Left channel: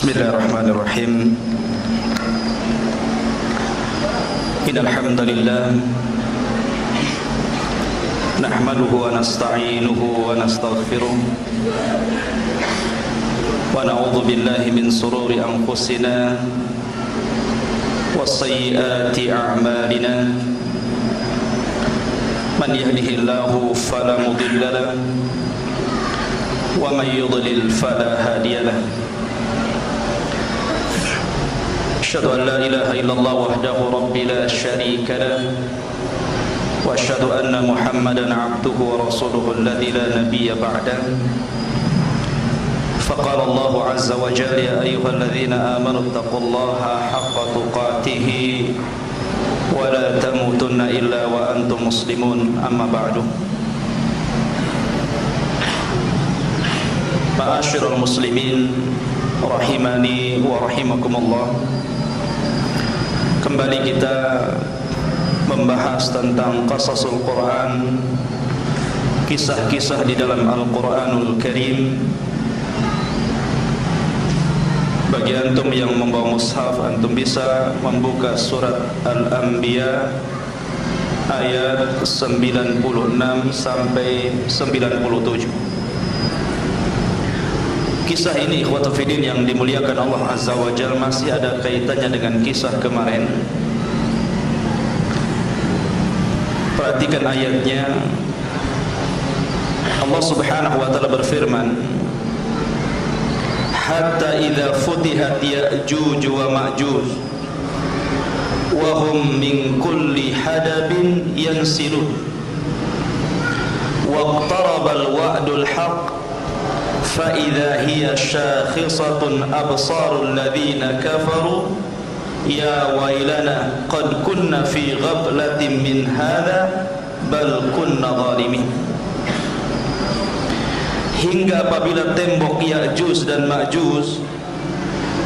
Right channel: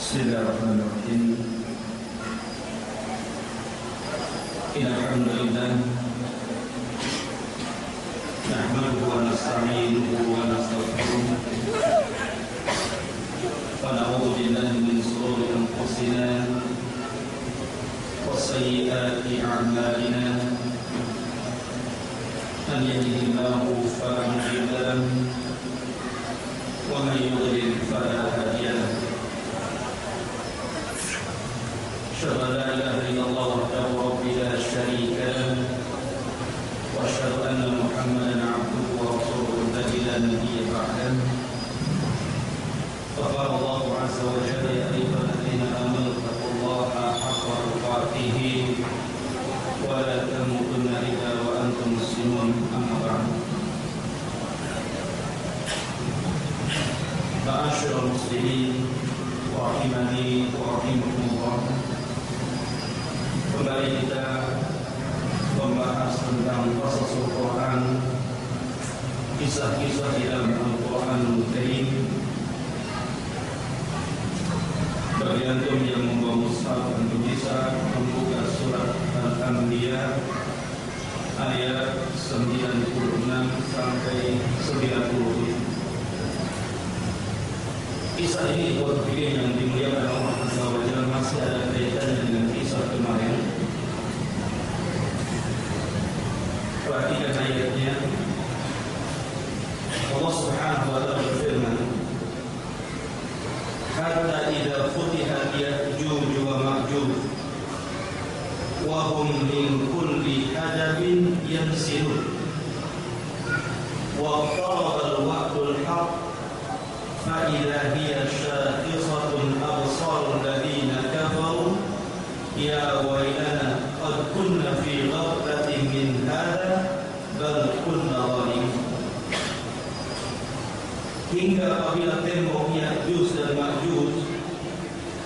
Bismillahirrahmanirrahim. Innal hamdalillah nahmaduhu wa nasta'inuhu wa nastaghfiruh wa na'udzu billahi min shururi anfusina wa sayyiati a'malina. Man yahdihillahu fala mudilla lahu wa man yudlil fala hadiya lahu. أشهد أن لا إله إلا الله وحده رب لا شريك له وأشهد أن محمدا عبده ورسوله الذي لا نبي بعده. فقال الله عز وجل يا أيها الذين آمنوا اتقوا الله حق تقاته ولا تموتن إلا وأنتم مسلمون. أما بعد. معاشر المسلمين rahimani wa rahimakumullah. Kembali kita membahas tentang qasasul Quran, kisah-kisah di dalam Al-Quranul Karim. Bagi antum yang membawa mushaf, antum bisa membuka surat Al-Anbiya ayat 96 sampai 97. Kisah ini ikhwatul fiddin yang dimuliakan Allah Azza wa Jalla masih ada kaitannya dengan kisah kemarin. Perhatikan ayatnya. Allah Subhanahu wa taala berfirman, hatta idza futihat ya'juj wa ma'juj wa hum min kulli hadabin yansilun wa iqtaraba al-wa'dul haqq فإذا هي شاخصة أبصار الذين كفروا يا ويلنا قد كنا في غفلة من هذا بل كنا ظالمين. Hingga apabila tembok Ya'juj dan Ma'juj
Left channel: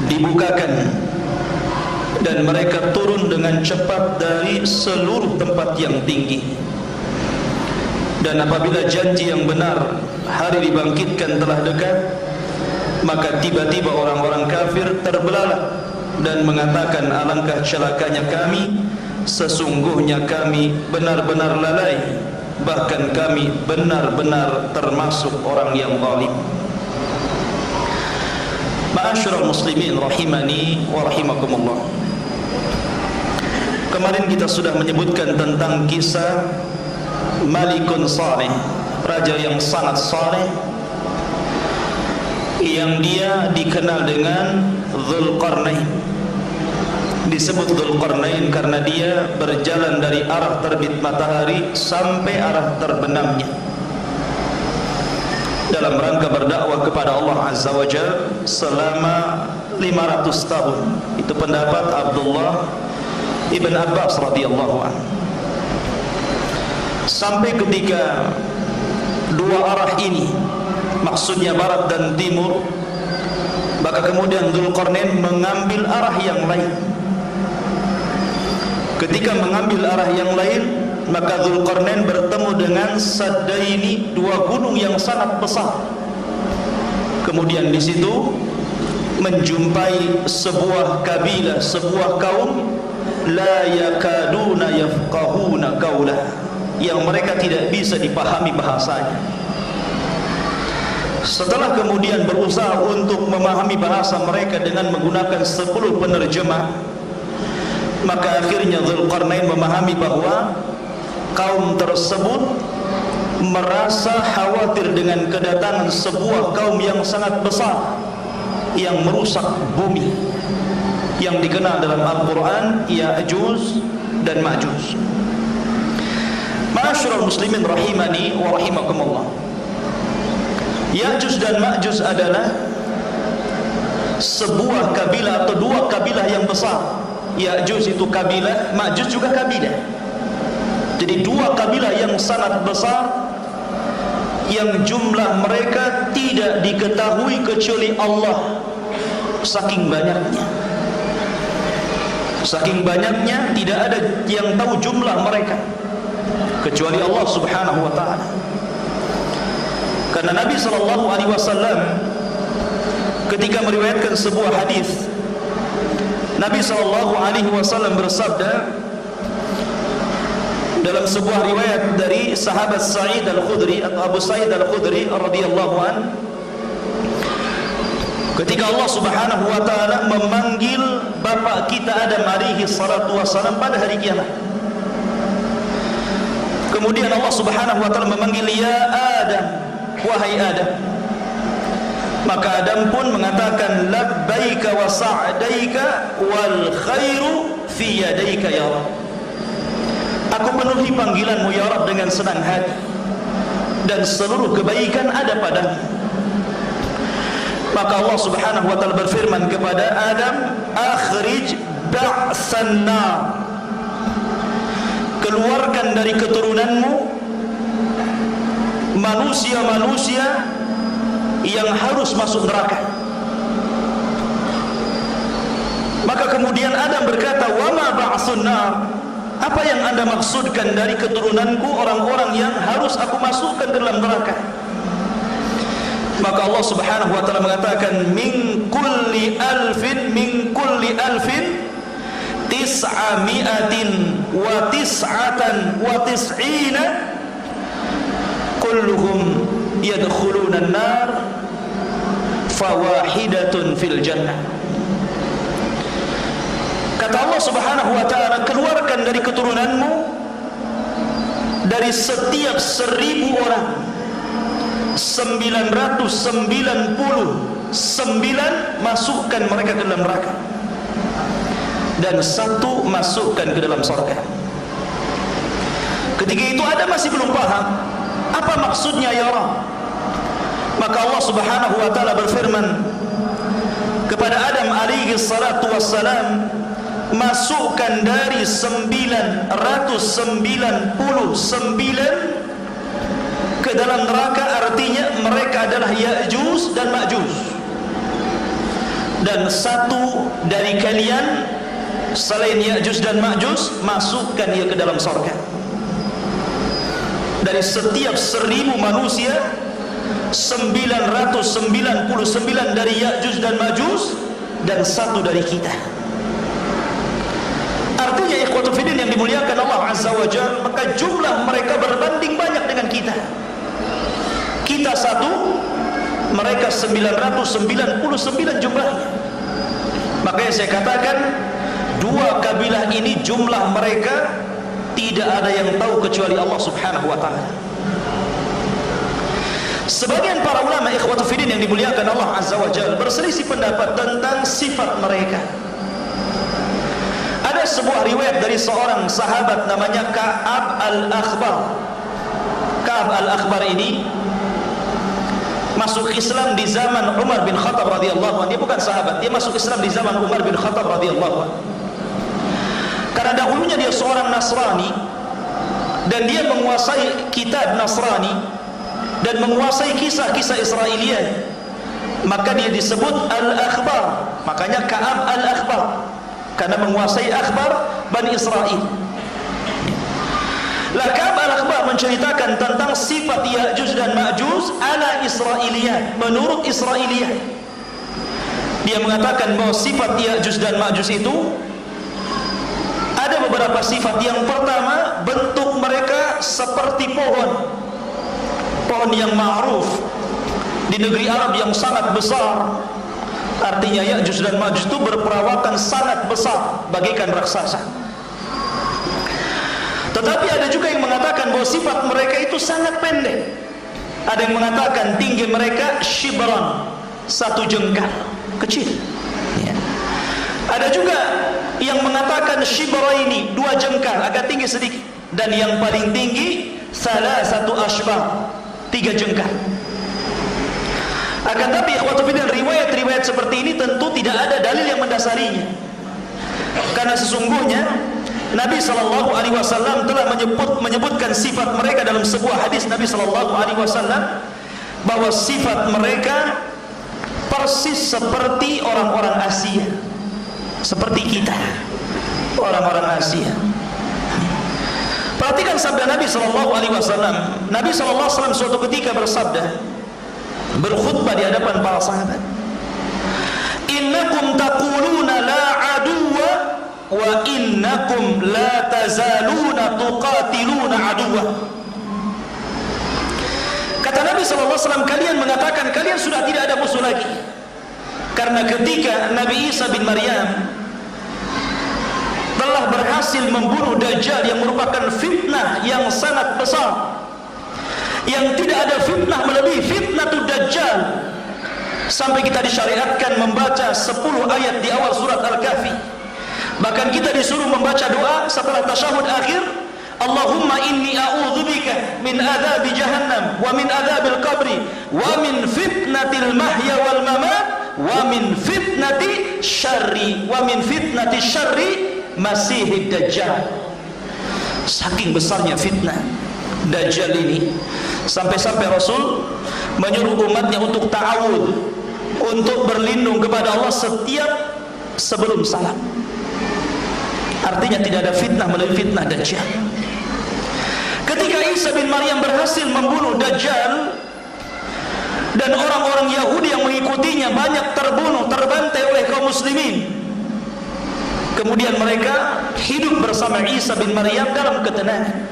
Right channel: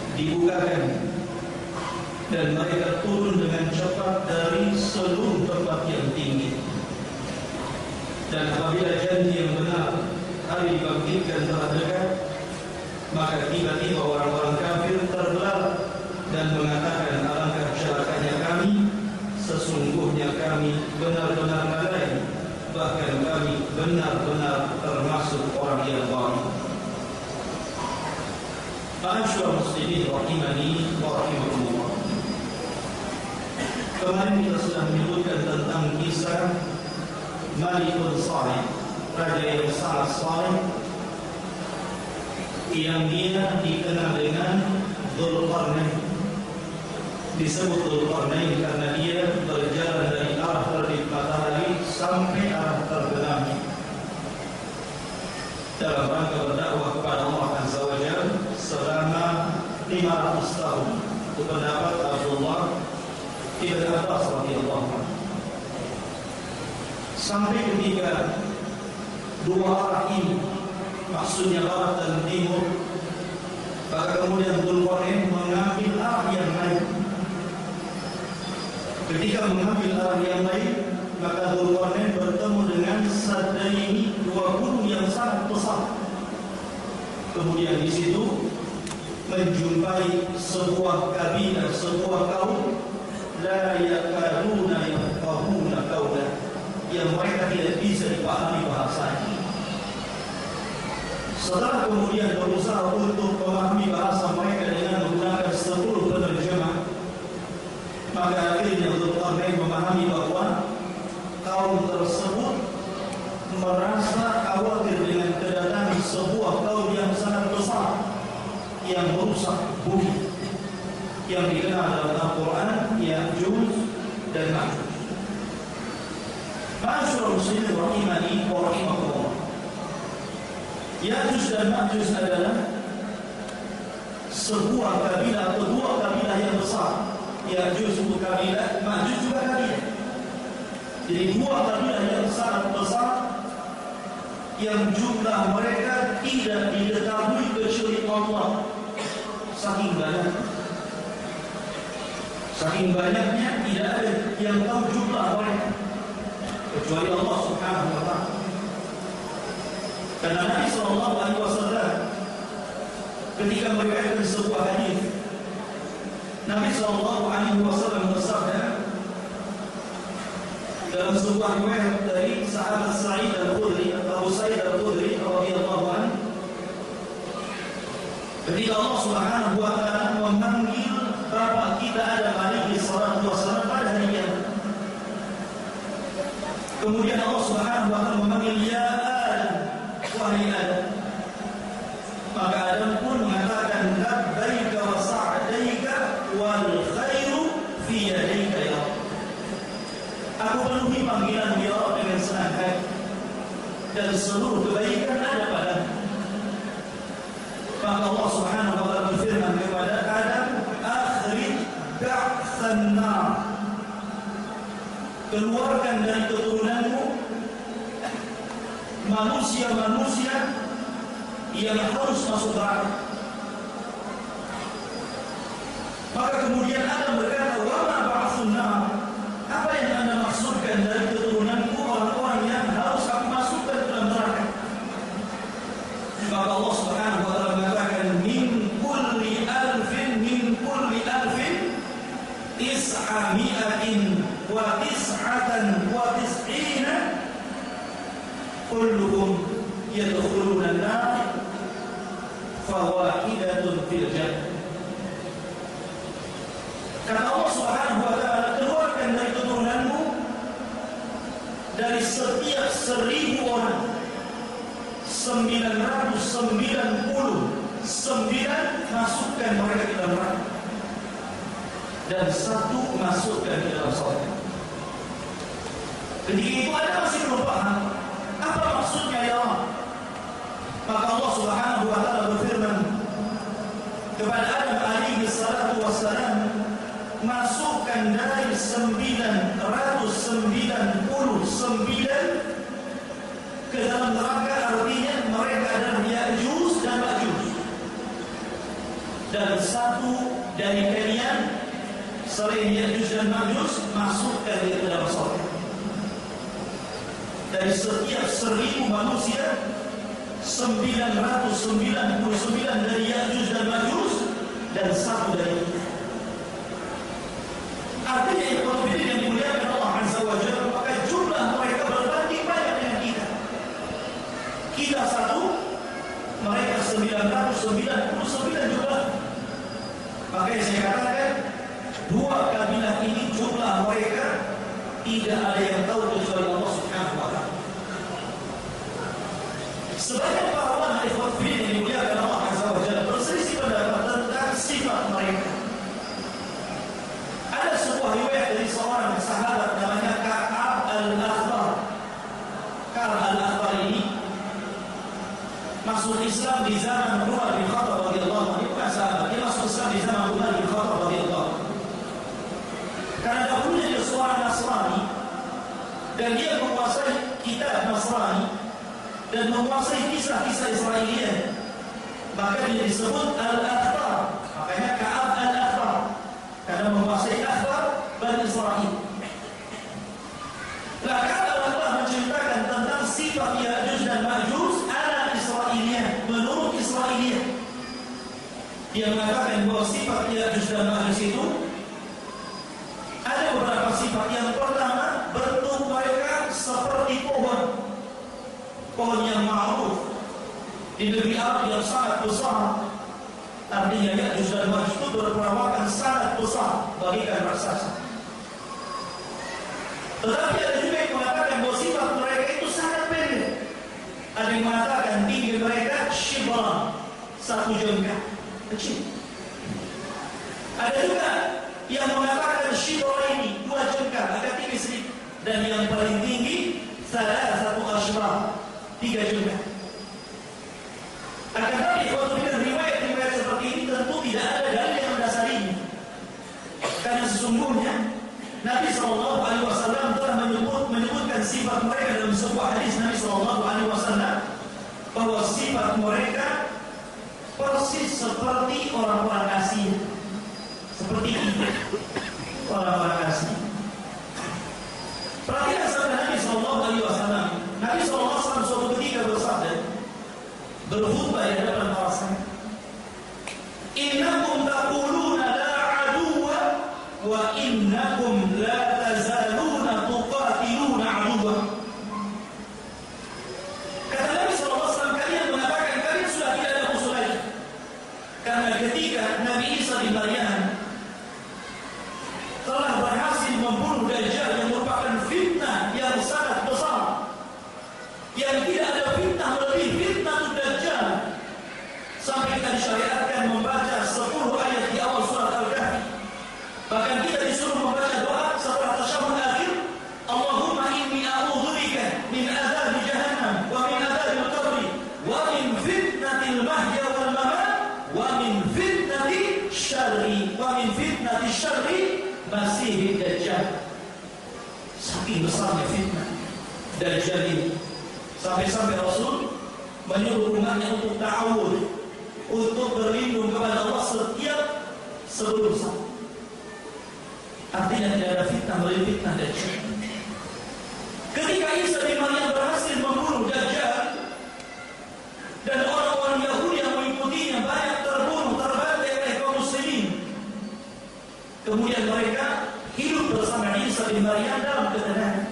dibukakan dan mereka turun dengan cepat dari seluruh tempat yang tinggi, dan apabila janji yang benar hari dibangkitkan telah dekat, maka tiba-tiba orang-orang kafir terbelalak dan mengatakan, alangkah celakanya kami, sesungguhnya kami benar-benar lalai, bahkan kami benar-benar termasuk orang yang zalim. Ma'asyiral muslimin rahimani wa rahimakumullah. Kemarin kita sudah menyebutkan tentang kisah Malikun Salih, raja yang sangat saleh, yang dia dikenal dengan Dzulqarnain. Disebut Dzulqarnain karena dia berjalan dari arah terbit matahari sampai arah terbenamnya dalam rangka berdakwah kepada Allah Azza wa Jalla selama 500 tahun. Itu pendapat Abdullah ibn Abbas radhiyallahu anhu. Sampai ketika dua arah ini, maksudnya barat dan timur, maka kemudian Dzulqarnain mengambil arah yang lain. Ketika mengambil arah yang lain, maka Dzulqarnain bertemu dengan Saddaini, dua gunung yang sangat besar. Kemudian di situ menjumpai sebuah kabilah, sebuah kaum la yakaduna yafqahuna qawla, yang mereka tidak bisa dipahami bahasanya. Setelah kemudian berusaha untuk memahami bahasa mereka dengan menggunakan 10 penerjemah, maka akhirnya Dzulqarnain memahami bahwa kaum tersebut merasa khawatir dengan kedatangan sebuah kaum yang sangat besar yang merusak bumi, yang dikenal dalam Al-Quran Ya'juj dan Ma'juj. Ma'asyiral muslimin rahimani wa rahimakumullah. Ya'juj dan Ma'juj adalah sebuah kabilah atau dua kabilah yang besar. Ya'juj itu kabilah, Ma'juj juga kabilah. Jadi dua kabilah yang sangat besar, yang jumlah mereka tidak diketahui kecuali Allah. Saking banyaknya, saking banyaknya tidak ada yang tahu jumlah mereka kecuali Allah Subhanahu wa taala. Karena Nabi sallallahu alaihi wasallam ketika meriwayatkan sebuah hadis, Nabi SAW bersabda dalam sebuah riwayat dari sahabat Sa'id Al-Khudri atau Abu Sa'id Al-Khudri radhiyallahu anhu, ketika Allah Subhanahu wa taala memanggil bapak kita Adam alaihi salatu wasallam pada hari kiamat. Kemudian Allah Subhanahu wa taala memanggil, ya Adam, wahai Adam. Maka Adam pun mengatakan, labbaika wa sa'daika wal khairu fi yadaika ya Rabb. Aku penuhi panggilanmu ya Rabb dengan senang hati, dan seluruh kebaikan ada padamu. Maka Allah Subhanahu wa taala berfirman kepada Adam, akhrij ba'san nar, keluarkan dari keturunanmu manusia-manusia yang harus masuk neraka. Maka kemudian Adam berkata, wa ma ba'sun nar, apa yang Anda maksudkan dari keturunanku orang-orang yang harus aku masukkan ke dalam neraka? Maka Allah Subhanahu wa taala mengatakan, min kulli alfin tis'ami'atin wa tis'atan wa tis'ina kulluhum yadkhuluna an-nar fawahidatun fil jannah. Kata Allah Subhanahu wa taala, keluarkan dari keturunanmu dari setiap 1000 orang 999 masukkan mereka ke dalam neraka, dan 1 masukkan ke dalam surga. Ketika itu Adam masih belum paham apa maksudnya ya Allah. Maka Allah Subhanahu wa taala berfirman kepada Adam alaihi salatu wassalam, masukkan dari 999 ke dalam neraka, artinya mereka adalah Ya'juj dan Ma'juj, dan 1 dari kalian selain Ya'juj dan Ma'juj masukkan dia ke dalam surga. Dari setiap 1000 manusia 999 dari Ya'juj dan Ma'juj, dan 1 dari kita. Artinya ikhwatu fiddin yang dimuliakan Allah Azza wa Jalla, maka jumlah mereka berbanding banyak dengan kita. Kita 1, mereka 999 jumlahnya. Makanya saya katakan, 2 kabilah ini jumlah mereka tidak ada yang tahu kecuali Allah Subhanahu wa taala. Sebagian para ulama ikhwatu fiddin yang dimuliakan Allah Azza wa Jalla berselisih pendapat tentang sifat mereka. Ada sebuah riwayat dari seorang sahabat namanya Ka'ab al-Akhbar. Ka'ab al-Akhbar ini masuk Islam di zaman Umar bin Khattab radhiyallahu anhu. Dia bukan sahabat, dia masuk Islam di zaman Umar bin Khattab radhiyallahu anhu. Karena dahulunya dia seorang Nasrani, dan dia menguasai kitab Nasrani dan menguasai kisah-kisah Israiliyah, maka dia disebut Al-Akhbar. Makanya Ka'ab Al-Akhbar, karena menguasai akhbar Bani Israel. Ka'ab Al-Akhbar menceritakan tentang sifat Ya'juj dan Ma'juj ala Israiliyah, menurut Israiliyah. Dia mengatakan bahwa sifat Ya'juj dan Ma'juj itu ada beberapa sifat. Yang pertama, bentuk mereka seperti pohon yang ma'ruf di negeri Arab yang sangat besar. Artinya Ya'juj dan Ma'juj itu berperawatan sangat besar bagaikan raksasa. Tetapi ada juga yang mengatakan bahwa sifat mereka itu sangat pendek. Ada yang mengatakan tinggi mereka shibran, 1 jengkal, kecil. Ada juga yang mengatakan shibraini, 2 jengkal, agak tinggi sedikit. Dan yang paling tinggi salah 1 ashbar, 3 jengkal. Akan tapi riwayat-riwayat seperti ini tentu tidak ada dalil yang mendasarinya. Karena sesungguhnya Nabi SAW telah menyebutkan sifat mereka dalam sebuah hadis Nabi SAW, bahwa sifat mereka persis seperti orang-orang Asia, seperti kita, orang-orang Asia. Perhatikan sabda Nabi SAW. Nabi SAW suatu ketika bersabda, berkhutbah di hadapan para sahabat. SAW, kalian mengatakan kalian sudah tidak ada musuh lagi. Karena ketika Nabi Isa bin Maryam telah berhasil membunuh Dajjal yang merupakan fitnah yang sangat besar, yang tidak ada fitnah melebihi fitnah Dajjal, sampai kita disyariatkan membaca 10 ayat di awal surat Al-Kahfi. Bahkan kita disuruh membaca doa setelah tasyahud akhir, Allahumma inni a'udzubika min adzabi jahannam wa min adzabil qabri wa min fitnatil mahya wal mamat wa min fitnati syarri masihid dajjal. Saking besarnya fitnah Dajjal ini, sampai-sampai Rasul menyuruh umatnya untuk ta'awud, untuk berlindung kepada Allah setiap sebelum salat. Artinya tidak ada fitnah melebihi fitnah Dajjal. Ketika Isa bin Maryam berhasil membunuh Dajjal dan orang-orang Yahudi yang mengikutinya banyak terbunuh, terbantai oleh kaum muslimin, kemudian mereka hidup bersama Isa bin Maryam dalam ketenangan.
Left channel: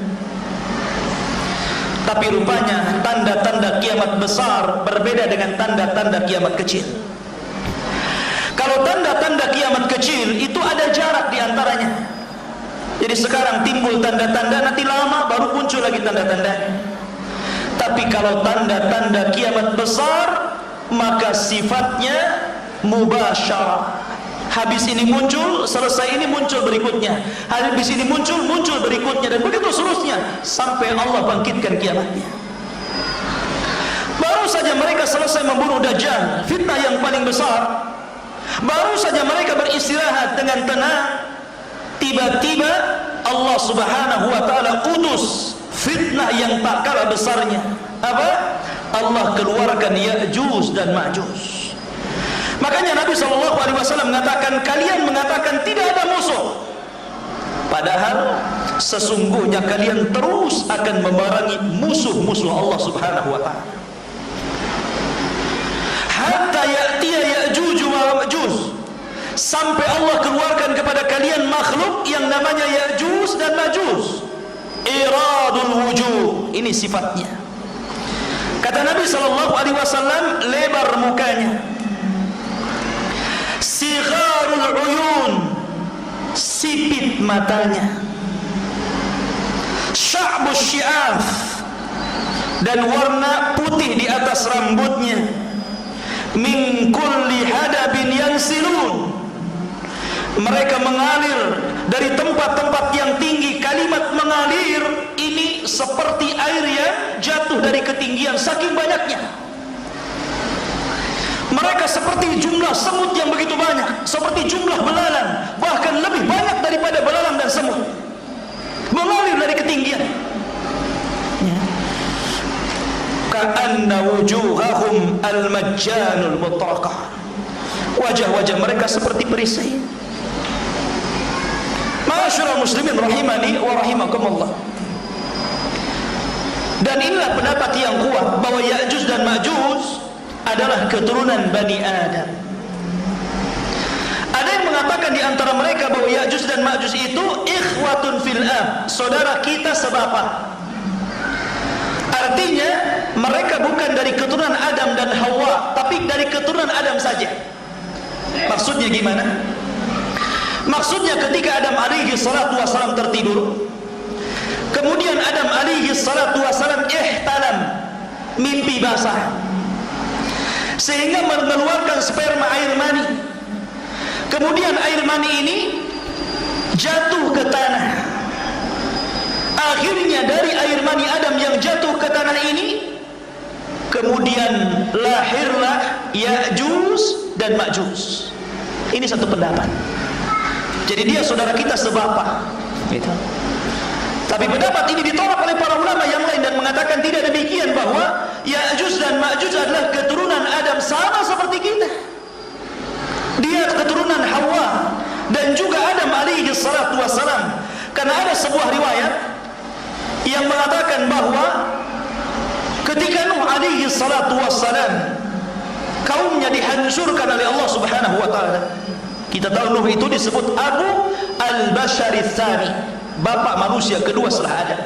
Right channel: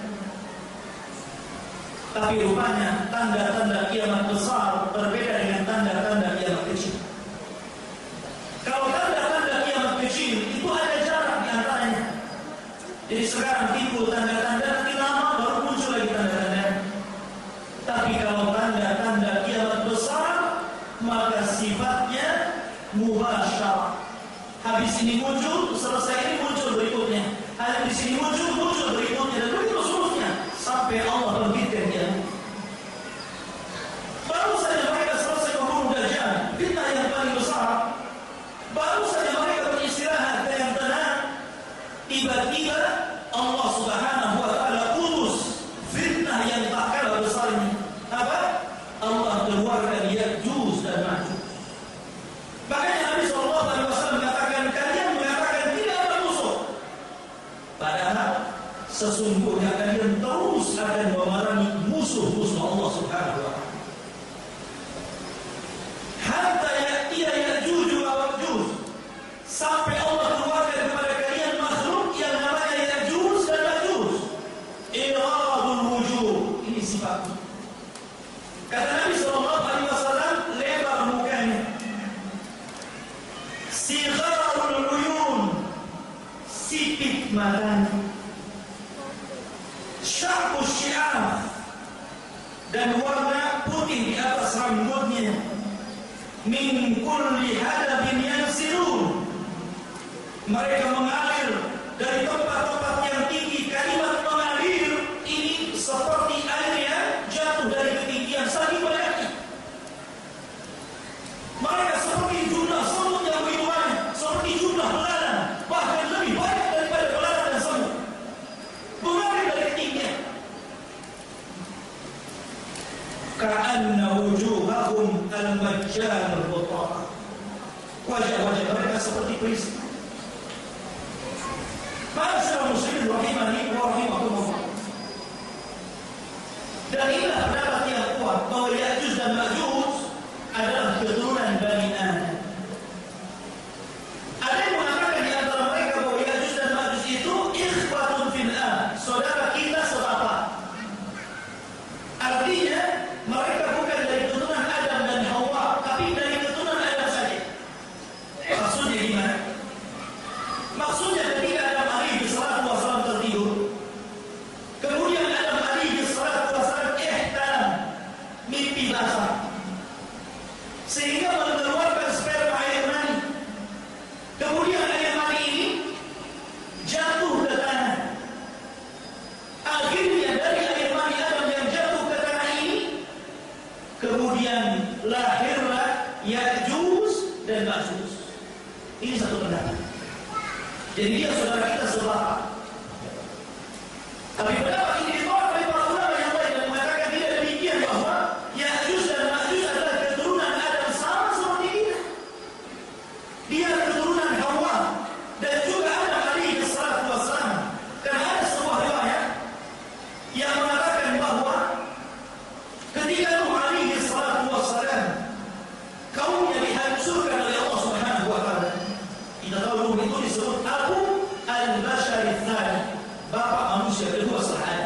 Tapi rupanya tanda-tanda kiamat besar berbeda dengan tanda-tanda kiamat kecil. Kalau tanda-tanda kiamat kecil itu ada jarak di antaranya. Jadi sekarang timbul tanda-tanda, nanti lama baru muncul lagi tanda-tanda. Tapi kalau tanda-tanda kiamat besar, maka sifatnya mubasyarah. Habis ini muncul, selesai ini muncul berikutnya. Habis ini muncul berikutnya, dan begitu seterusnya sampai Allah bangkitkan kiamatnya. Baru saja mereka selesai membunuh Dajjal, fitnah yang paling besar. Baru saja mereka beristirahat dengan tenang, tiba-tiba Allah Subhanahu wa taala utus fitnah yang tak kalah besarnya. Apa? Allah keluarkan Ya'juj dan Ma'juj. Makanya Nabi SAW mengatakan, kalian mengatakan tidak ada musuh, padahal sesungguhnya kalian terus akan memerangi musuh-musuh Allah Subhanahu wa taala. Hatta ya'tiya Ya'juj wa Ma'juj, sampai Allah keluarkan kepada kalian makhluk yang namanya Ya'juj dan Ma'juj. Iradul wujuh, ini sifatnya. Kata Nabi SAW, lebar mukanya, sigharul uyun, sipit matanya, sya'bus syi'af, dan warna putih di atas rambutnya, min kulli hadabin yansilun, mereka mengalir dari tempat-tempat yang tinggi. Kalimat mengalir ini seperti air yang jatuh dari ketinggian, saking banyaknya. Mereka seperti jumlah semut yang begitu banyak, seperti jumlah belalang, bahkan lebih banyak daripada belalang dan semut, mengalir dari ketinggian. Ka'anna wujuhahum al-majjanul mutraqah, wajah-wajah mereka seperti perisai. Ma'asyiral muslimin rahimani wa rahimakumullah. Dan inilah pendapat yang kuat bahwa Ya'juj dan Ma'juj adalah keturunan Bani Adam. Ada yang mengatakan di antara mereka bahwa Ya'juj dan Ma'juj itu ikhwatun fil ab, saudara kita sebapak. Artinya mereka bukan dari keturunan Adam dan Hawa, tapi dari keturunan Adam saja. Maksudnya gimana? Maksudnya ketika Adam alaihi salatu wassalam tertidur, kemudian Adam alaihi salatu wassalam ihtalam, mimpi basah, sehingga mengeluarkan sperma air mani. Kemudian air mani ini jatuh ke tanah. Akhirnya dari air mani Adam yang jatuh ke tanah ini, kemudian lahirlah Ya'juj dan Ma'juj. Ini satu pendapat. Jadi dia saudara kita sebapak. Gitu. Tapi pendapat ini ditolak oleh para ulama yang lain dan mengatakan tidak demikian, bahwa Ya'juj dan Ma'juj adalah keturunan Adam sama seperti kita. Dia keturunan Hawa dan juga Adam alaihi salatu wassalam. Karena ada sebuah riwayat yang mengatakan bahwa ketika Nuh alaihi salatu wassalam kaumnya dihancurkan oleh Allah Subhanahu wa taala. Kita tahu Nuh itu disebut Abu al-Bashar ats-Tsani, bapak manusia kedua setelah Adam.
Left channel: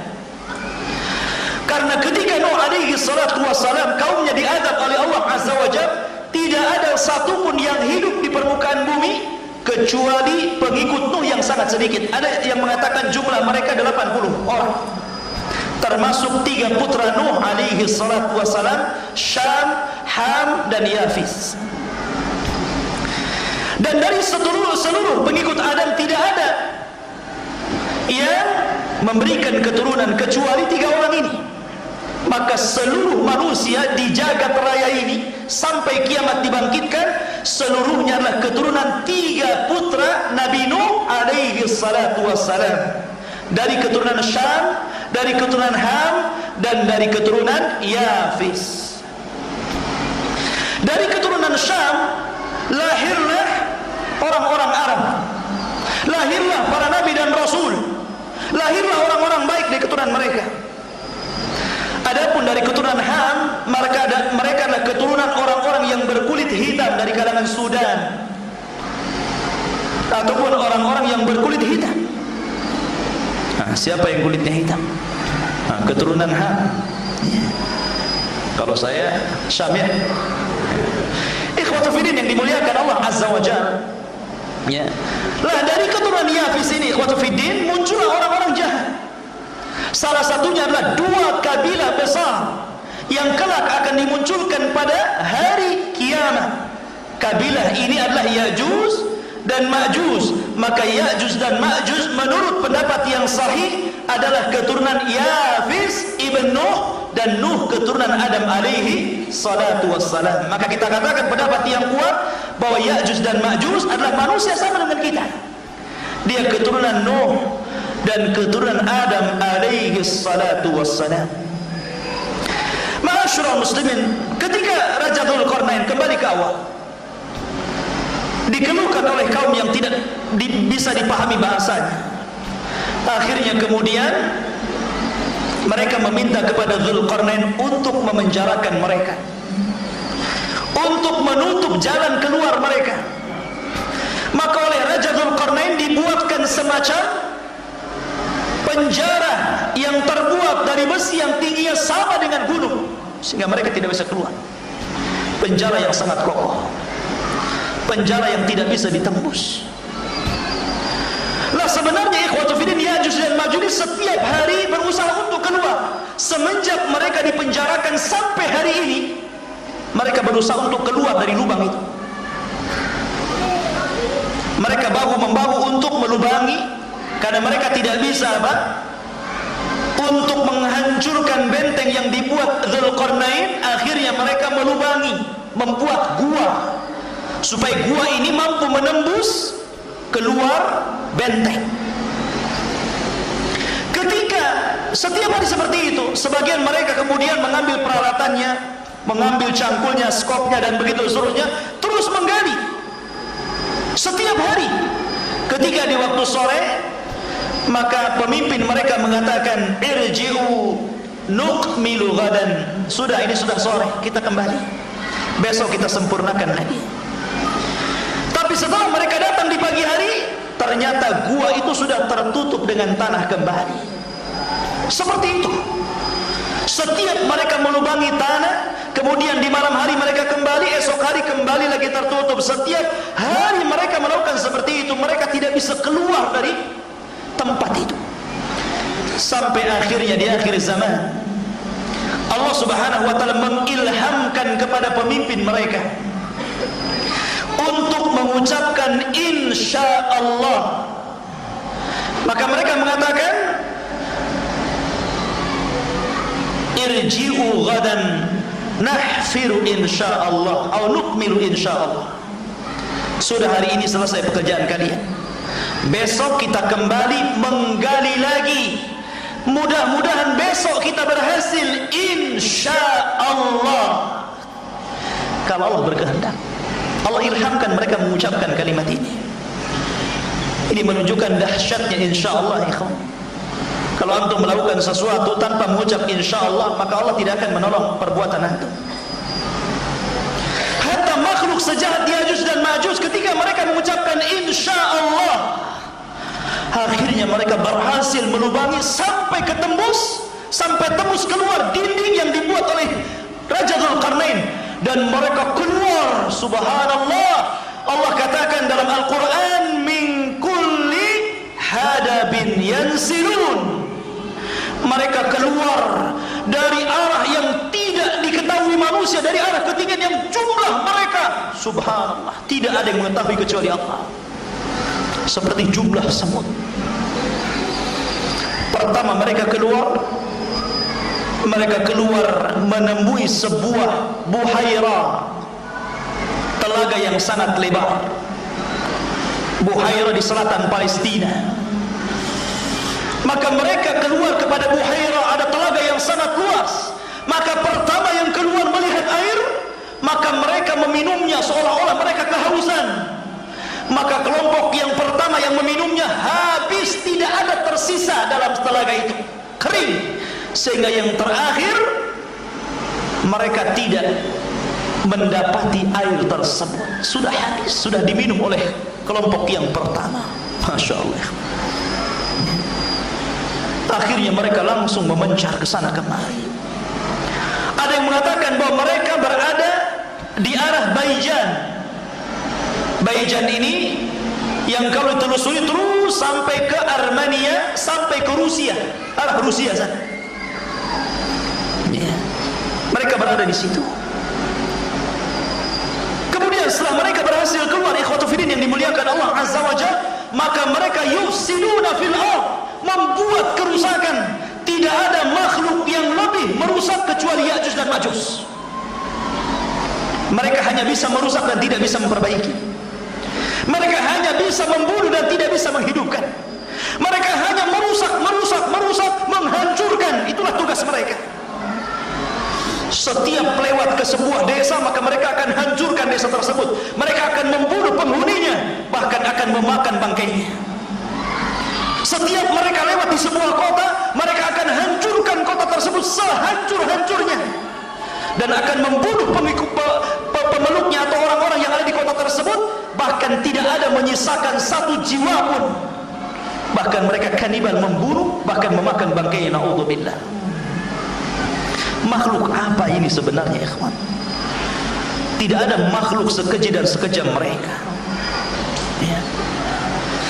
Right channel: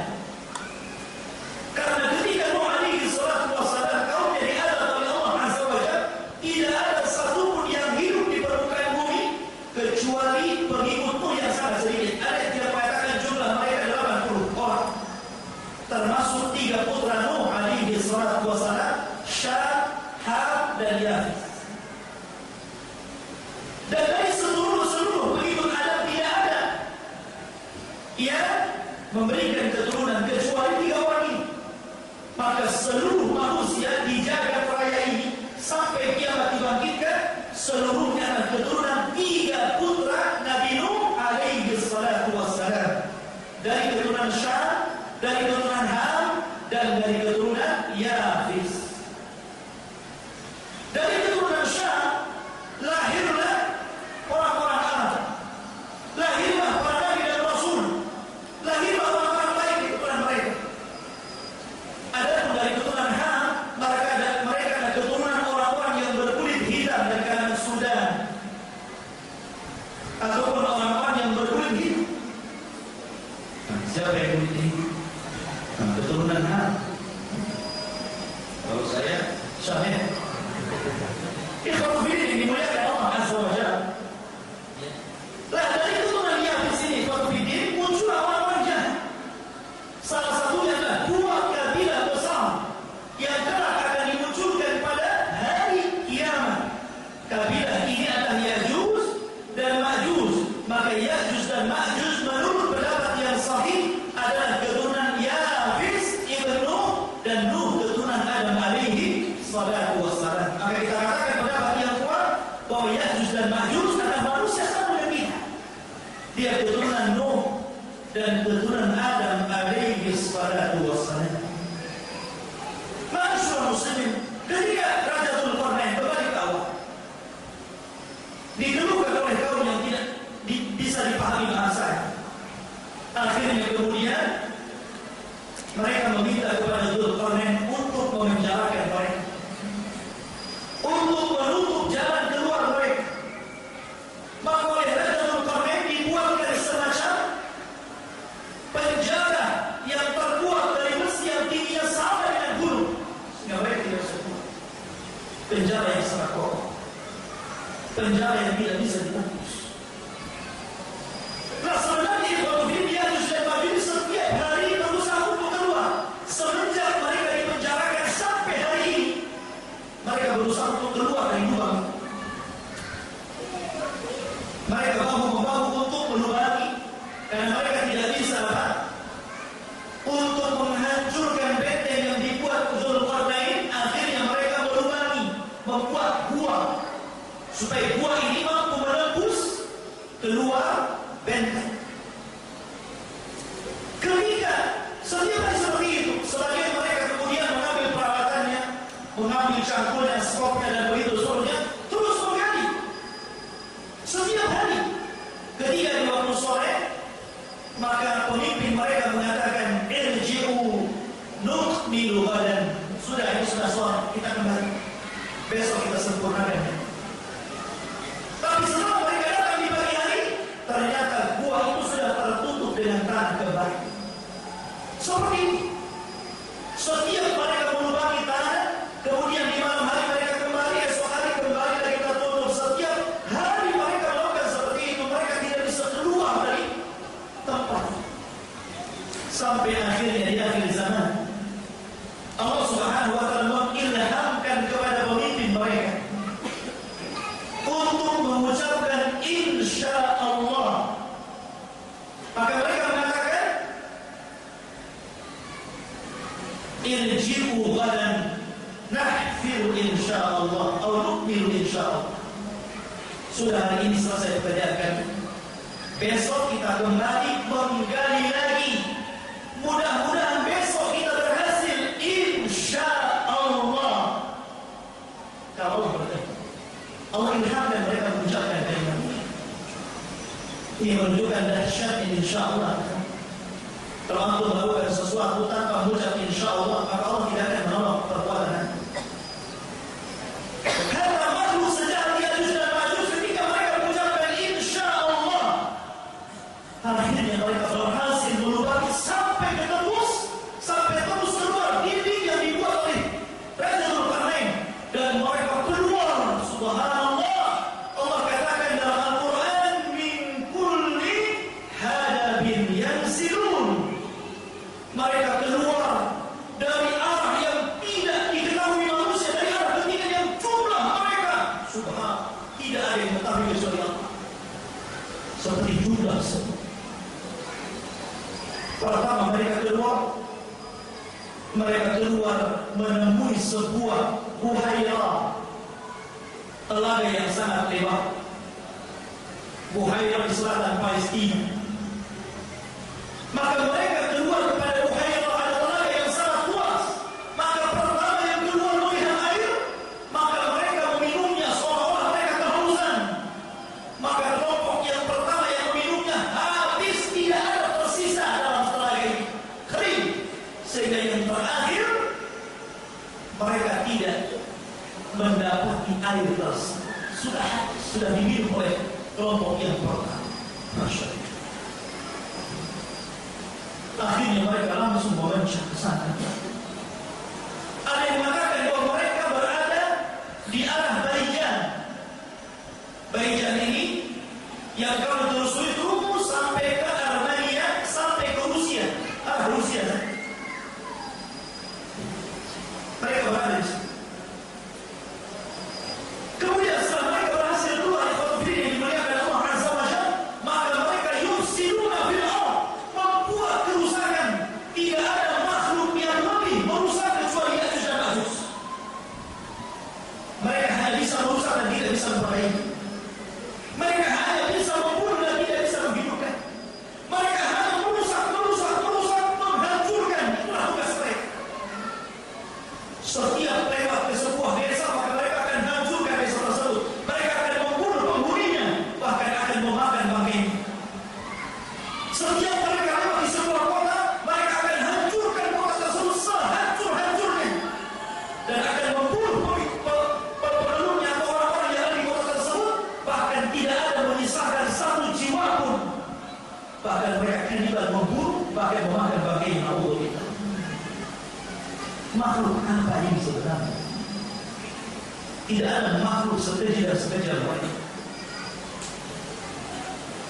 Karena ketika Nuh alaihi salatu wassalam kaumnya alaihi salatu wassalam Syam, Ham, dan Yafis. Dan dari seluruh pengikut Adam tidak ada yang memberikan keturunan kecuali 3 orang ini. Maka seluruh manusia di jagat raya ini sampai kiamat dibangkitkan, seluruhnya adalah keturunan 3 putra Nabi Nuh alaihi salatu wassalam. Dari keturunan Syam, dari keturunan Ham, dan dari keturunan Yafis. Dari keturunan Syam lahirlah orang-orang Arab, lahirlah para nabi dan rasul, lahirlah orang-orang baik dari keturunan mereka. Adapun dari keturunan Ham, mereka adalah keturunan orang-orang yang berkulit hitam dari kalangan Sudan, ataupun orang-orang yang berkulit hitam. Siapa yang kulitnya hitam? Keturunan Ham. Kalau saya Syamil. Ikhwatul fillah yang dimuliakan Allah Azza wa Jalla. Ya. Lah dari keturunan Yafis ini, ikhwatul fillah, muncul orang-orang jahat. Salah satunya adalah 2 kabilah besar yang kelak akan dimunculkan pada hari kiamat. Kabilah ini adalah Ya'juj dan Ma'juj. Maka Ya'juj dan Ma'juj menurut pendapat yang sahih adalah keturunan Yafis ibn Nuh, dan Nuh keturunan Adam alaihi salatu wassalam. Maka kita katakan pendapat yang kuat bahwa Ya'juj dan Ma'juj adalah manusia sama dengan kita. Dia keturunan Nuh dan keturunan Adam alaihi salatu wassalam. Ma'asyiral muslimin, ketika Raja Dzulqarnain kembali ke awal, dikeluhkan oleh kaum yang tidak bisa dipahami bahasanya. Akhirnya kemudian mereka meminta kepada Dzulqarnain untuk memenjarakan mereka, untuk menutup jalan keluar mereka. Maka oleh Raja Dzulqarnain dibuatkan semacam penjara yang terbuat dari besi yang tingginya sama dengan gunung, sehingga mereka tidak bisa keluar. Penjara yang sangat kokoh, penjara yang tidak bisa ditembus. Lah sebenarnya ikhwatul fillah, Ya'juj dan Ma'juj setiap hari berusaha untuk keluar. Semenjak mereka dipenjarakan sampai hari ini, mereka berusaha untuk keluar dari lubang itu. Mereka membahu untuk melubangi, karena mereka tidak bisa untuk menghancurkan benteng yang dibuat Dzulqarnain. Akhirnya mereka melubangi, membuat gua, supaya gua ini mampu menembus keluar benteng. Ketika setiap hari seperti itu, sebagian mereka kemudian mengambil peralatannya, mengambil cangkulnya, skopnya, dan begitu seterusnya, terus menggali setiap hari. Ketika di waktu sore, maka pemimpin mereka mengatakan, irji'u nukmilu ghadan. Sudah, ini sudah sore, kita kembali, besok kita sempurnakan lagi. Tapi setelah mereka datang di pagi hari, ternyata gua itu sudah tertutup dengan tanah kembali. Seperti itu. Setiap mereka melubangi tanah, kemudian di malam hari mereka kembali, esok hari kembali lagi tertutup. Setiap hari mereka melakukan seperti itu. Mereka tidak bisa keluar dari tempat itu. Sampai akhirnya di akhir zaman, Allah Subhanahu wa taala mengilhamkan kepada pemimpin mereka untuk mengucapkan insya Allah. Maka mereka mengatakan, irji'u ghadan nahfiru insya Allah atau nukmilu insya Allah. Sudah, hari ini selesai pekerjaan kalian, besok kita kembali menggali lagi. Mudah-mudahan besok kita berhasil insya Allah, kalau Allah berkehendak. Allah ilhamkan mereka mengucapkan kalimat ini. Ini menunjukkan dahsyatnya insya Allah. Kalau antum melakukan sesuatu tanpa mengucap insya Allah, maka Allah tidak akan menolong perbuatan antum. Hatta makhluk sejahat Ya'juj dan Ma'juj, ketika mereka mengucapkan insya Allah, akhirnya mereka berhasil melubangi sampai tembus keluar dinding yang dibuat oleh Raja Dzulqarnain, dan mereka keluar. Subhanallah, Allah katakan dalam Al-Quran, min kulli hadabin yansilun. Mereka keluar dari arah yang subhanallah, tidak ada yang mengetahui kecuali Allah. Seperti jumlah semut. Pertama mereka keluar menemui sebuah buhaira, telaga yang sangat lebar. Buhaira di selatan Palestina. Maka mereka keluar kepada buhaira, ada telaga yang sangat luas. Maka pertama yang keluar melihat air, maka mereka meminumnya seolah-olah mereka kehausan. Maka kelompok yang pertama yang meminumnya habis, tidak ada tersisa dalam telaga itu, kering. Sehingga yang terakhir mereka tidak mendapati air tersebut, sudah habis, sudah diminum oleh kelompok yang pertama. Masya Allah. Akhirnya mereka langsung memencah ke sana kemari. Ada yang mengatakan bahwa mereka berada di arah Baijan. Baijan ini yang kalau telusuri terus sampai ke Armenia, sampai ke Rusia, arah Rusia sana. Ya. Mereka berada di situ. Kemudian setelah mereka berhasil keluar, ikhwatu fillah yang dimuliakan Allah Azza wa Jalla, maka mereka yufsiduna fil ardh, membuat kerusakan. Tidak ada makhluk yang lebih merusak kecuali Ya'juj dan Ma'juj. Mereka hanya bisa merusak dan tidak bisa memperbaiki. Mereka hanya bisa membunuh dan tidak bisa menghidupkan. Mereka hanya merusak, menghancurkan. Itulah tugas mereka. Setiap lewat ke sebuah desa, maka mereka akan hancurkan desa tersebut. Mereka akan membunuh penghuninya, bahkan akan memakan bangkainya. Setiap mereka lewat di sebuah kota, mereka akan hancurkan kota tersebut sehancur-hancurnya, dan akan membunuh pemeluknya atau orang-orang yang ada di kota tersebut. Bahkan tidak ada menyisakan satu jiwa pun. Bahkan mereka kanibal, membunuh, bahkan memakan bangkai. Na'udzubillah. Makhluk apa ini sebenarnya, ikhwan? Tidak ada makhluk sekeji dan sekejam mereka. Ya.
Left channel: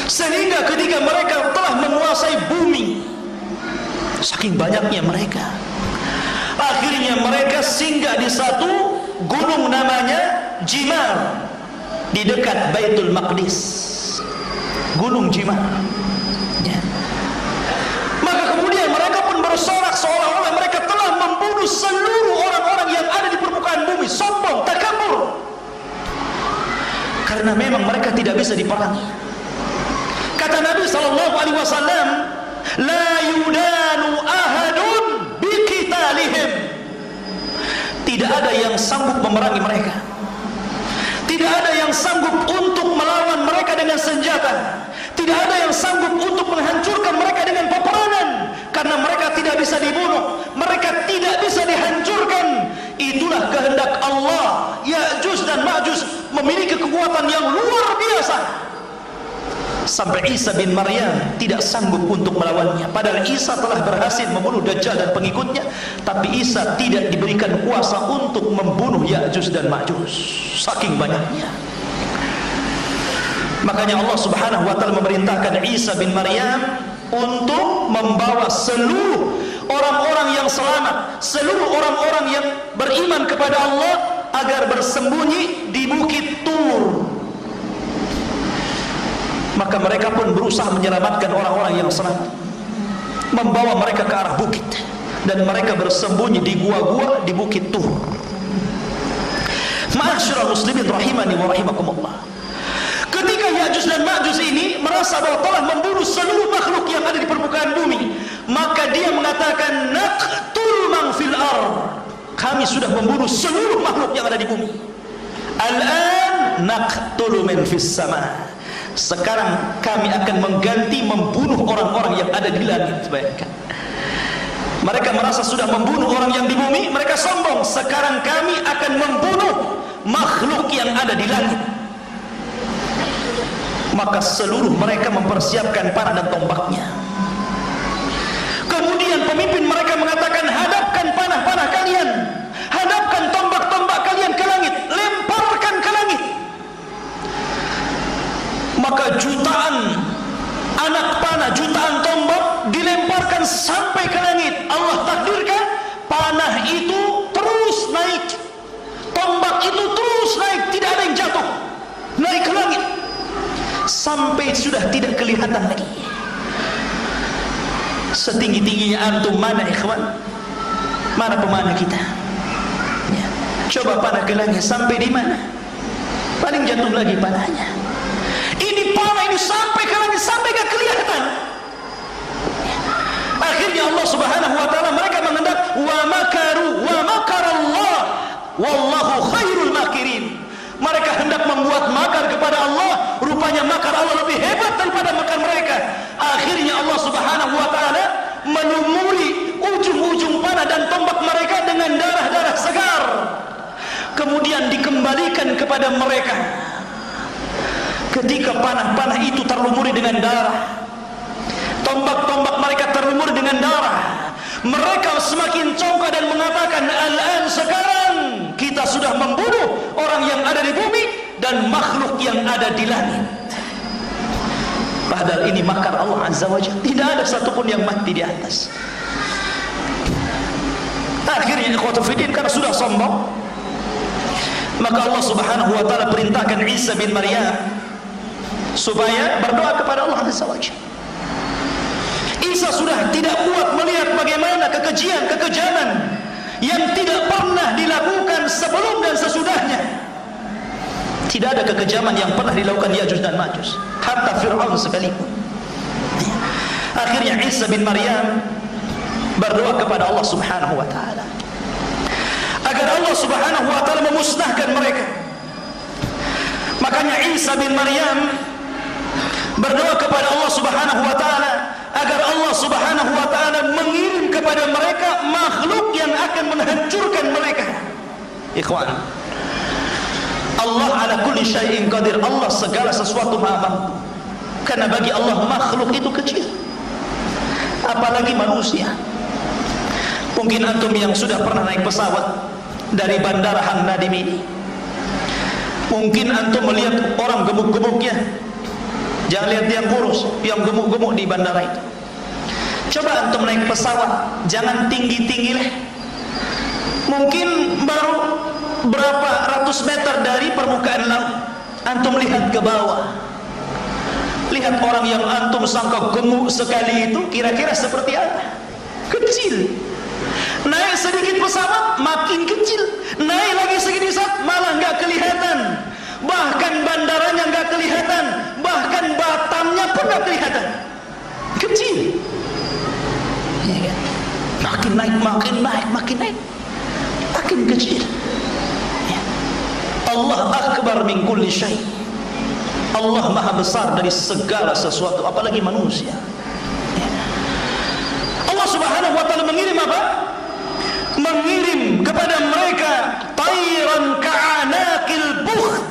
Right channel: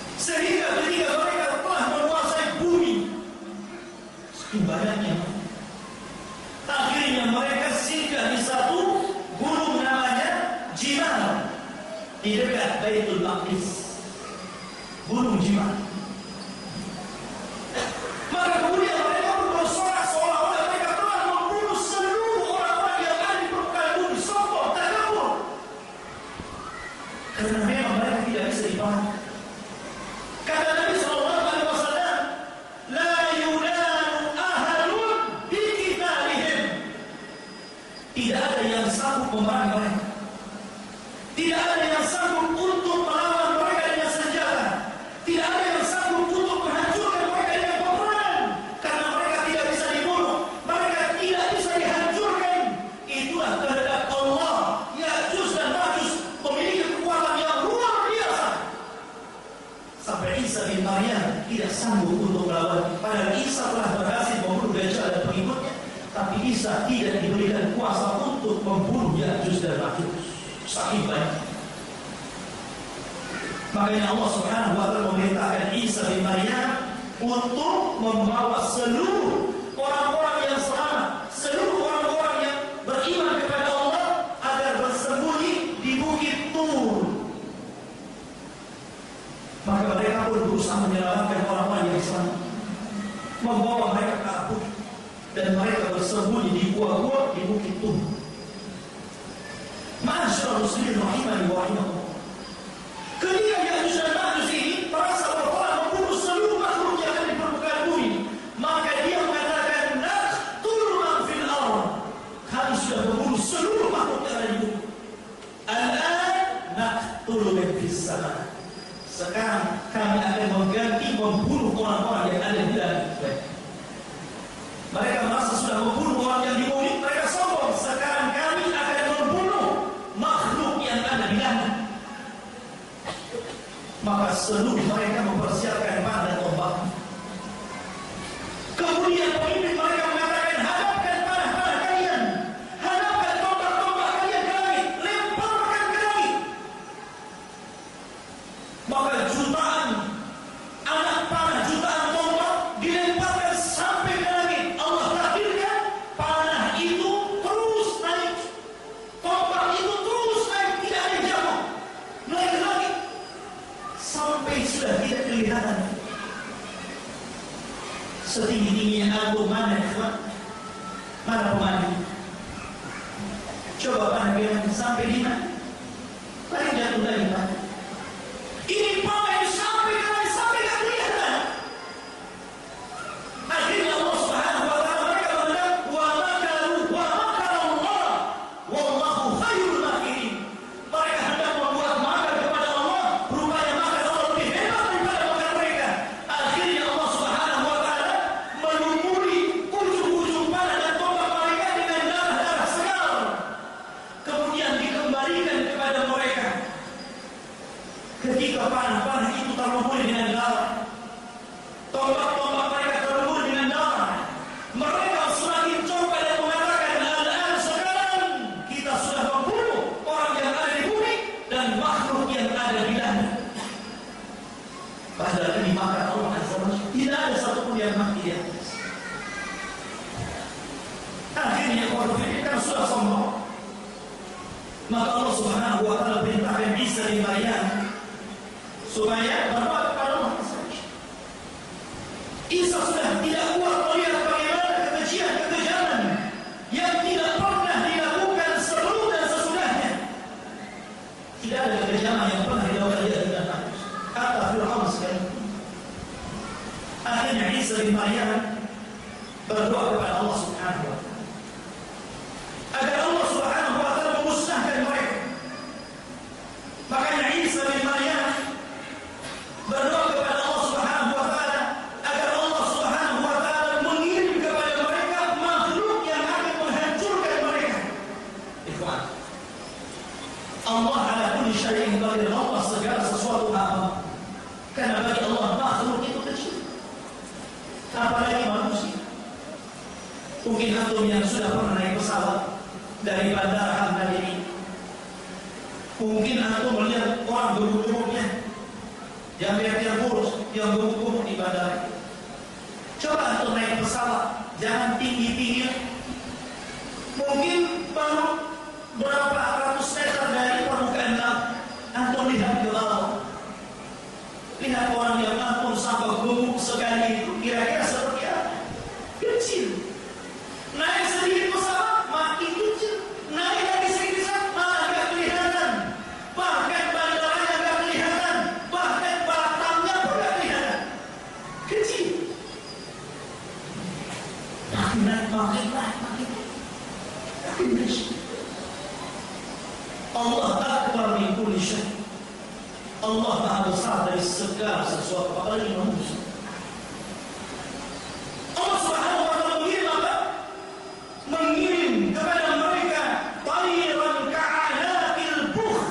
Sehingga ketika mereka telah menguasai bumi, saking banyaknya mereka, akhirnya mereka singgah di satu gunung namanya Jimal, di dekat Baitul Maqdis. Gunung Jimal. Ya. Maka kemudian mereka pun bersorak seolah-olah mereka telah membunuh seluruh orang-orang yang ada di permukaan bumi. Sombong, takabur. Karena memang mereka tidak bisa diperangi. Kata Nabi SAW, la yudanu ahadun biqitalihim. Tidak ada yang sanggup memerangi mereka. Tidak ada yang sanggup untuk melawan mereka dengan senjata. Tidak ada yang sanggup untuk menghancurkan mereka dengan peperangan. Karena mereka tidak bisa dibunuh, mereka tidak bisa dihancurkan. Itulah kehendak Allah. Ya'juj dan Ma'juj memiliki kekuatan yang luar biasa. Sampai Isa bin Maryam tidak sanggup untuk melawannya. Padahal Isa telah berhasil membunuh Dajjal dan pengikutnya, tapi Isa tidak diberikan kuasa untuk membunuh Ya'juj dan Ma'juj. Saking banyaknya. Makanya Allah Subhanahu wa taala memerintahkan Isa bin Maryam untuk membawa seluruh orang-orang yang selamat, seluruh orang-orang yang beriman kepada Allah agar bersembunyi di Bukit Tur. Maka mereka pun berusaha menyelamatkan orang-orang yang selamat, membawa mereka ke arah bukit, dan mereka bersembunyi di gua-gua di Bukit Tur. Ma'asyiral muslimin rahimani wa rahimakumullah. Ketika Ya'juj dan Ma'juj ini merasa bahwa telah membunuh seluruh makhluk yang ada di permukaan bumi, maka dia mengatakan, naqtul man fil ardh. Kami sudah membunuh seluruh makhluk yang ada di bumi. Al-an naqtul man fis sama. Sekarang kami akan mengganti membunuh orang-orang yang ada di langit. Bayangkan. Mereka merasa sudah membunuh orang yang di bumi, mereka sombong. Sekarang kami akan membunuh makhluk yang ada di langit. Maka seluruh mereka mempersiapkan panah dan tombaknya. Kemudian pemimpin mereka mengatakan, hadapkan panah-panah kalian, hadapkan tombak-tombak kalian ke langit, lemparkan ke langit. Maka jutaan anak panah, jutaan tombak dilemparkan sampai ke langit. Allah takdirkan panah itu terus naik, tombak itu terus naik, tidak ada yang jatuh. antum mana ikhwan? Mana pemanah kita? Ya. Coba panah gelangnya sampai di mana? Paling jatuh lagi panahnya. Ini panah ini sampai ke langit, sampai ke kelihatan. Akhirnya Allah Subhanahu wa taala mereka mengendap wa makaru wa makarallah wallahu khairul makirin. Mereka hendak membuat makar kepada Allah, rupanya makar Allah lebih hebat daripada makar mereka. Akhirnya Allah Subhanahu wa taala menyumuli ujung-ujung panah dan tombak mereka dengan darah-darah segar. Kemudian dikembalikan kepada mereka. Ketika panah-panah itu terlumuri dengan darah, tombak-tombak mereka terlumuri dengan darah, mereka semakin congkak dan mengatakan, "Al-an, sekarang kita sudah membunuh orang yang ada di bumi dan makhluk yang ada di langit." Padahal ini makar Allah Azza wa Jalla. Tidak ada satupun yang mati di atas. Akhirnya ikhwatu fiddin, karena sudah sombong, maka Allah Subhanahu wa taala perintahkan Isa bin Maryam supaya berdoa kepada Allah Azza wa Jalla. Isa sudah tidak kuat melihat bagaimana kekejian-kekejaman yang tidak pernah dilakukan sebelum dan sesudahnya. Tidak ada kekejaman yang pernah dilakukan Ya'juj dan Ma'juj, hatta Fir'aun sekalipun. Akhirnya Isa bin Maryam berdoa kepada Allah Subhanahu wa taala agar Allah Subhanahu wa taala memusnahkan mereka. Makanya Isa bin Maryam berdoa kepada Allah Subhanahu wa taala agar Allah Subhanahu wa taala mengirim kepada mereka makhluk yang akan menghancurkan mereka. Ikhwan, Allah ala kulli syai'in qadir. Allah segala sesuatu mampu. Karena bagi Allah makhluk itu kecil, apalagi manusia. Mungkin antum yang sudah pernah naik pesawat dari Bandara Hang Nadim ini, mungkin antum melihat orang gemuk-gemuknya. Jangan lihat dia kurus, yang gemuk-gemuk di bandara itu. Coba antum naik pesawat, jangan tinggi-tinggi. Mungkin baru berapa ratus meter dari permukaan laut, antum lihat ke bawah. Lihat orang yang antum sangka gemuk sekali itu kira-kira seperti apa? Kecil. Naik sedikit pesawat makin kecil, naik lagi sedikit pesawat malah nggak kelihatan. Bahkan bandaranya nggak kelihatan, bahkan batangnya pun nggak kelihatan. Kecil. Ya kan? Makin naik, makin naik, makin naik, makin kecil. Ya. Allah akbar min kulli syai'. Allah maha besar dari segala sesuatu, apalagi manusia. Ya. Allah Subhanahu wa taala mengirim apa? Mengirim kepada mereka tayran ka'anaqil bukht.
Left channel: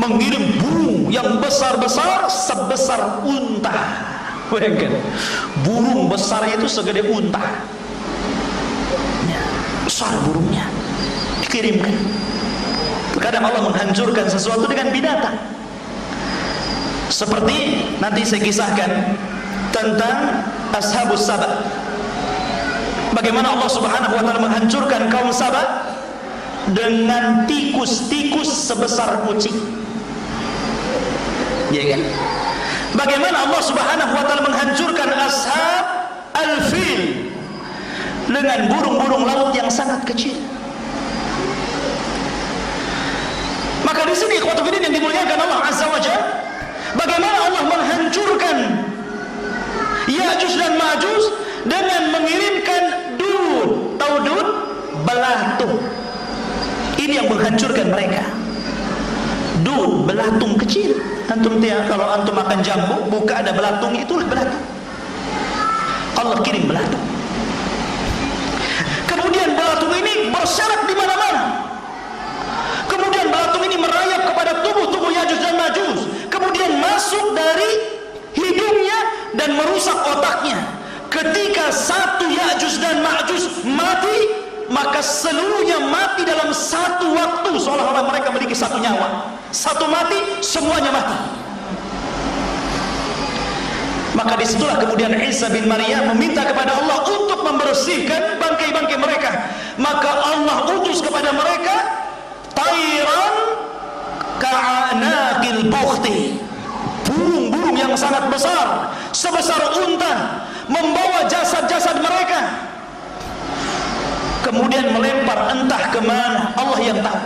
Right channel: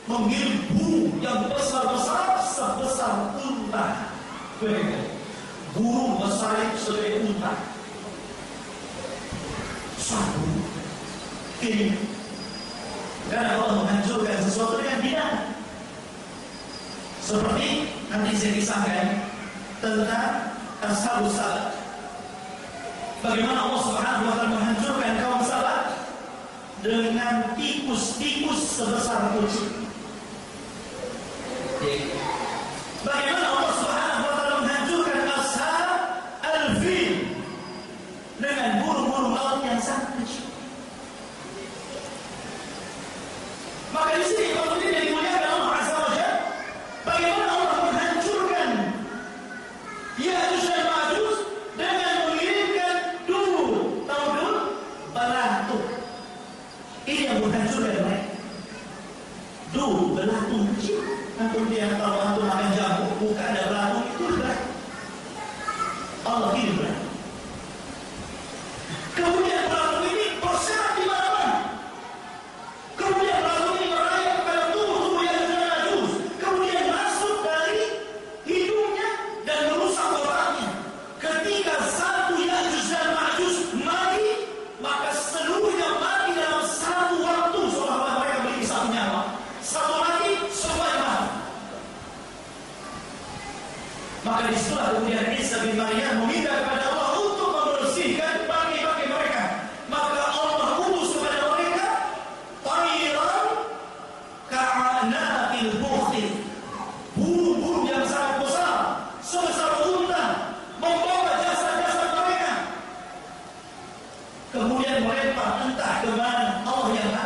Mengirim burung yang besar-besar sebesar unta. Bayangkan, burung besar itu segede unta. Ya, besar burungnya dikirimkan. Kadang Allah menghancurkan sesuatu dengan binatang. Seperti nanti saya kisahkan tentang Ashabus Sabah. Bagaimana Allah Subhanahu wa taala menghancurkan kaum Sabah dengan tikus-tikus sebesar kucing. Ya kan? Bagaimana Allah Subhanahu wa taala menghancurkan ashab al-fil dengan burung-burung laut yang sangat kecil. Maka di sini ikhwatu fiddin yang dimuliakan Allah Azza wa Jalla, bagaimana Allah menghancurkan Ya'juj dan Ma'juj dengan mengirimkan dun, tahu dun? Belatung. Ini yang menghancurkan mereka. Dun, belatung kecil. Antum tiap kalau antum makan jambu, buka ada belatung, itulah belatung. Allah kirim belatung. Kemudian belatung ini berserakan di mana-mana. Kemudian belatung ini merayap kepada tubuh-tubuh Ya'juj dan Ma'juj. Kemudian masuk dari hidungnya dan merusak otaknya. Ketika satu Ya'juj dan Ma'juj mati, maka seluruhnya mati dalam satu waktu, seolah-olah mereka memiliki satu nyawa. Satu mati, semuanya mati. Maka disitulah kemudian Isa bin Maryam meminta kepada Allah untuk membersihkan bangkai-bangkai mereka. Maka Allah utus kepada mereka tayran ka'anaqil bukhti, burung-burung yang sangat besar sebesar unta, membawa kemudian melempar entah kemana, Allah yang tahu.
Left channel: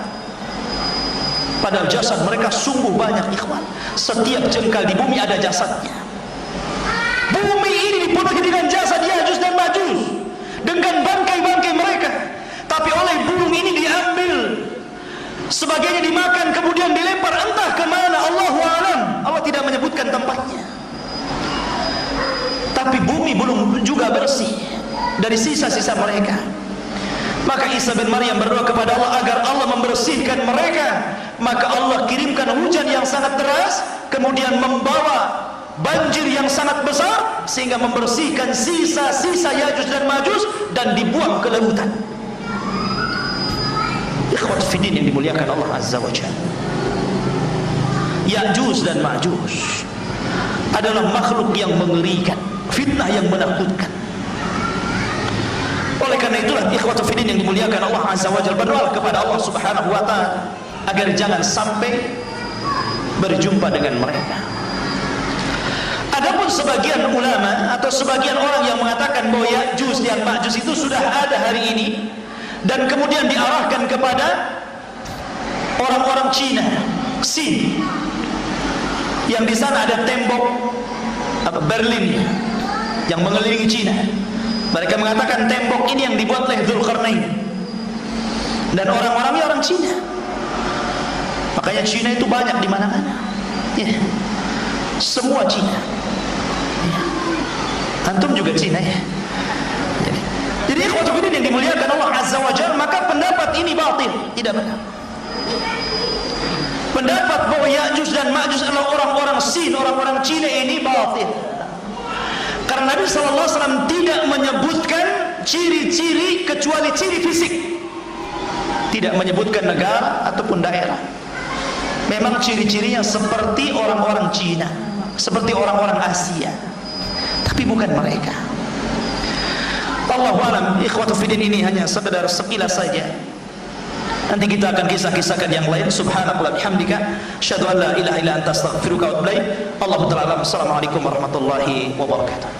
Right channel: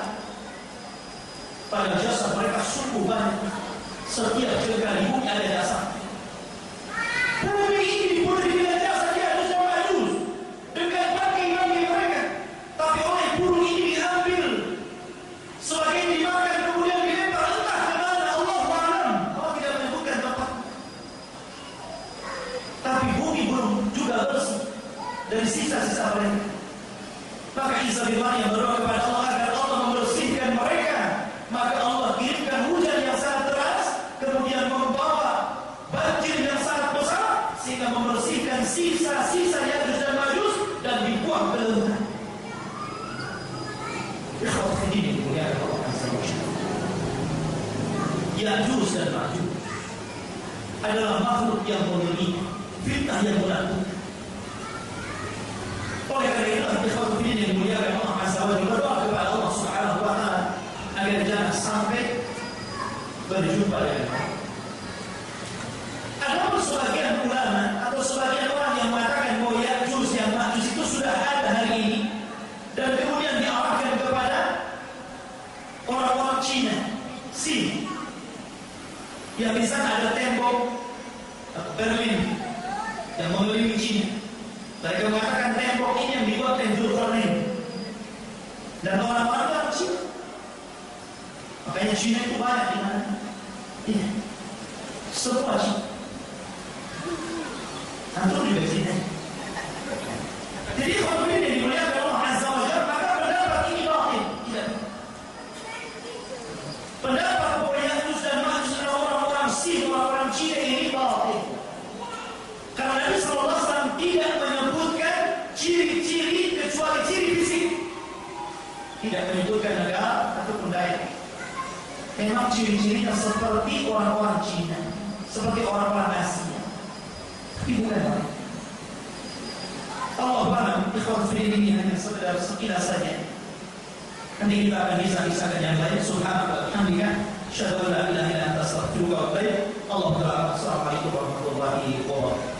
Padahal jasad mereka sungguh banyak, ikhwan. Setiap jengkal di bumi ada jasadnya. Bumi ini dipenuhi dengan jasad Ya'juj dan Ma'juj, dengan bangkai-bangkai mereka. Tapi oleh burung ini diambil, sebagainya dimakan, kemudian dilempar entah kemana, Allahu a'lam. Allah tidak menyebutkan tempatnya. Tapi bumi belum juga bersih dari sisa-sisa mereka. Maka Isa bin Maryam berdoa kepada Allah agar Allah membersihkan mereka. Maka Allah kirimkan hujan yang sangat deras, kemudian membawa banjir yang sangat besar, sehingga membersihkan sisa-sisa Ya'juj dan Ma'juj dan dibuang ke lautan. Ikhwat fiddin yang dimuliakan Allah Azza wa Jalla, Ya'juj dan Ma'juj adalah makhluk yang mengerikan, fitnah yang menakutkan. Oleh karena itulah ikhwat fiddin yang dimuliakan Allah Azza wa Jalla, berdoa kepada Allah Subhanahu wa Ta'ala agar jangan sampai berjumpa dengan mereka. Adapun sebagian ulama atau sebagian orang yang mengatakan bahwa Ya'juj dan Ma'juj itu sudah ada hari ini, dan kemudian diarahkan kepada orang-orang Cina, Sin, yang di sana ada tembok Berlin yang mengelilingi Cina. Mereka mengatakan tembok ini yang dibuat oleh Dzulqarnain, dan orang-orangnya orang Cina. Makanya Cina itu banyak di mana-mana. Ya. Semua Cina. Ya. Antum juga Cina ya. Jadi untuk ini yang dimuliakan Allah Azza wa Jalla, maka pendapat ini batil, tidak benar. Pendapat bahwa Ya'juj dan Ma'juj adalah orang-orang Sin, orang-orang Cina ini batil. Karena Nabi sallallahu alaihi wasallam tidak menyebutkan ciri-ciri kecuali ciri fisik. Tidak menyebutkan negara ataupun daerah. Memang ciri-cirinya seperti orang-orang Cina, seperti orang-orang Asia, tapi bukan mereka. Allahu a'lam. Ikhwatu fiddin, ini hanya sekedar sekilas saja. Nanti kita akan kisah-kisahkan yang lain. Subhanallah bihamdika, asyhadu an la ilaha illa anta, astaghfiruka wa atubu ilaik. Allahu ta'ala. Assalamualaikum warahmatullahi wabarakatuh.